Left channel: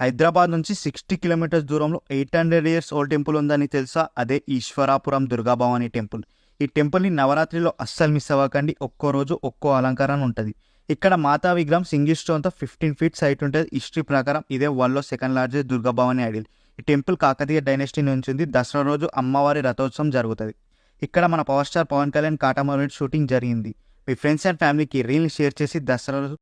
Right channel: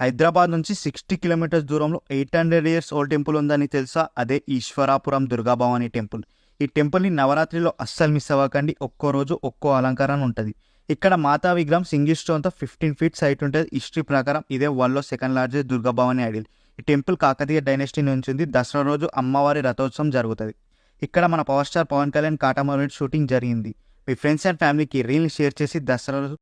హైదరాబాద్ నుంచి 60 కిలోమీటర్స్ దూరంలో 800 years old temple ఉందని తెలుసా? అదే ఈశ్వరాపురం దుర్గాభవాని టెంపుల్. ఈ టెంపుల్ని నవరాత్రిలో అస్సలు మిస్ అవ్వకండి. ఒక్కో రోజు ఒక్కో అలంకరణ ఉంటుంది. ఇక్కడ మాతా విగ్రహం సింగిల్ స్టోన్తో 15 ఫీట్స్ హైట్ ఉంటుంది. హిస్టరీ ప్రకారం ఇదే వరల్డ్లో సెకండ్ లార్జెస్ట్ దుర్గాభవాని ఐడిల్. ఈ టెంపుల్ కాకతీయ డైనెస్టీ నుంచి ఉంది. దసరా రోజు అమ్మవారి రథోత్సవం జరుగుతుంది. ఇక్కడ మన power star Pawan Kalyan Katamarayudu shooting జరిగింది. మీ ఫ్రెండ్స్ అండ్ ఫ్యామిలీకి రీల్ షేర్ చేసి దసరా రోజు